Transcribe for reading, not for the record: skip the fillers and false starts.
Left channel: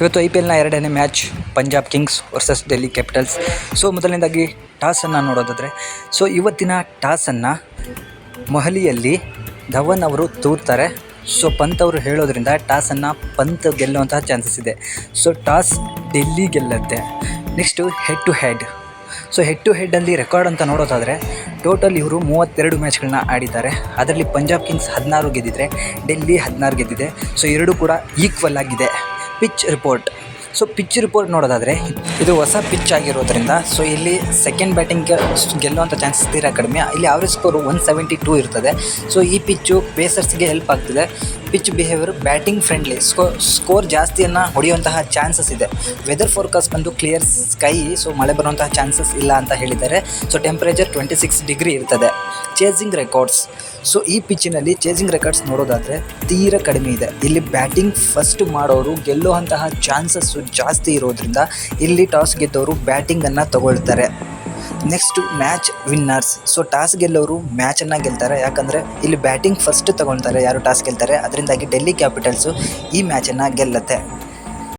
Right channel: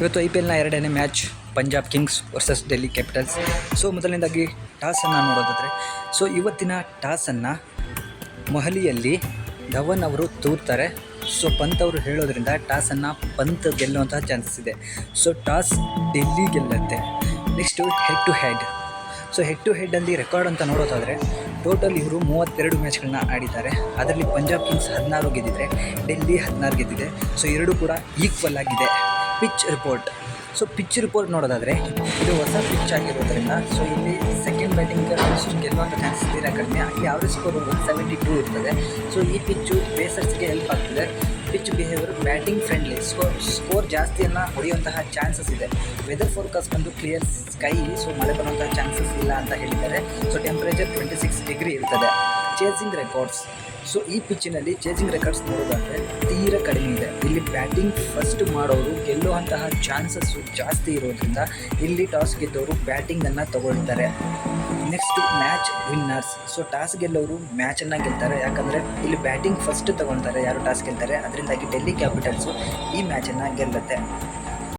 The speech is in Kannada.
ಇವತ್ತು IPLನ ಎರಡನೇ match Punjab Kings versus Delhi capitals. So ಮೊದಲನೇದಾಗಿ ಟಾಸನ್ನು ನೋಡೋದಾದರೆ, ಸೊ ಇವತ್ತಿನ ಟಾಸನ್ನು ಮೊಹಾಲಿಯಲ್ಲಿ ಧವನ್ ಅವರು ತೂರ್ತಾರೆ. ಸೊ ಪಂತ್ ಅವರು ಹೇಳೋದ್ರಿಂದ ಟಾಸನ್ನು ಪಂತ್ ಗೆಲ್ಲುವಂತಹ ಚಾನ್ಸಸ್ ಇದೆ. ಸೊ ಟಾಸ್ ಡೆಲ್ಲಿ ಗೆಲ್ಲುತ್ತೆ. Next head to head. So head to ಹೆಡ್ಡಲ್ಲಿ ರೆಕಾರ್ಡ್ ಅಂತ ನೋಡೋದಾದರೆ, ಟೋಟಲ್ ಇವರು 32 ಮ್ಯಾಚ್ಗಳನ್ನ ಆಡಿದ್ದಾರೆ. ಅದರಲ್ಲಿ ಪಂಜಾಬ್ ಕಿಂಗ್ಸ್ 16 ಗೆದ್ದಿದ್ರೆ, ಡೆಲ್ಲಿ 16 ಗೆದ್ದಿದೆ. ಸೊ ಎರಡೂ ಕೂಡ ಈಕ್ವಲ್ ಆಗಿದೆ. Pitch report. So pitch report ನೋಡೋದಾದರೆ, ಇದು ಹೊಸ ಪಿಚ್ ಆಗಿರೋದ್ರಿಂದ ಸೊ ಇಲ್ಲಿ ಸೆಕೆಂಡ್ ಬ್ಯಾಟಿಂಗ್ಗೆ ಗೆಲ್ಲುವಂಥ ಚಾನ್ಸಸ್ ತೀರಾ ಕಡಿಮೆ. ಇಲ್ಲಿ ಆವ್ರೇಜ್ ಸ್ಕೋರು 172 ಇರ್ತದೆ. ಸೊ ಈ ಪಿಚ್ಚು ಪೇಸರ್ಸ್ಗೆ ಹೆಲ್ಪ್ ಆಗ್ತಿದೆ. Pitch behaviour batting friendly, score ಜಾಸ್ತಿಯನ್ನು ಹೊಡೆಯುವಂತಹ ಚಾನ್ಸಸ್ ಇದೆ. ವೆದರ್ ಫೋರ್ಕಾಸ್ಟ್ ಬಂದು ಕ್ಲಿಯರ್ ಸ್ಕೈ, ಸೊ ಮಳೆ ಬರುವಂತಹ ಚಾನ್ಸಸ್ ಇಲ್ಲ ಅಂತ ಹೇಳಿದ್ದಾರೆ. ಸೊ ಟೆಂಪ್ರೇಚರ್ 26 ಡಿಗ್ರಿ ಇರ್ತದೆ. Chasing records. ಸೊ ಈ ಪಿಚ್ಚಿನಲ್ಲಿ ಚೇಸಿಂಗ್ ರೆಕಾರ್ಡ್ಸ್ ನೋಡೋದಾದರೆ ತೀರಾ ಕಡಿಮೆ ಇದೆ. ಇಲ್ಲಿ ಬ್ಯಾಟಿಂಗ್ ಫಸ್ಟ್ ಮಾಡೋರು ಗೆಲ್ಲುವಂತಹ ಚಾನ್ಸಸ್ಸು ಜಾಸ್ತಿ ಇರೋದ್ರಿಂದ ಇಲ್ಲಿ ಟಾಸ್ ಗೆದ್ದವರು ಬ್ಯಾಟಿಂಗನ್ನು ತಗೊಳ್ತಾರೆ. Next match winners. So toss ಗೆಲ್ಲೋರು ಮ್ಯಾಚನ್ನು ಗೆಲ್ತಾರೆ. ಯಾಕಂದರೆ ಇಲ್ಲಿ ಬ್ಯಾಟಿಂಗ್ ಫಸ್ಟ್ ತಗೊಳ್ತಾರೆ ಯಾರು ಟಾಸ್ ಗೆಲ್ತಾರೆ. ಅದರಿಂದಾಗಿ ಡೆಲ್ಲಿ ಕ್ಯಾಪಿಟಲ್ಸು ಈ ಮ್ಯಾಚನ್ನು ಗೆಲ್ಲುತ್ತೆ.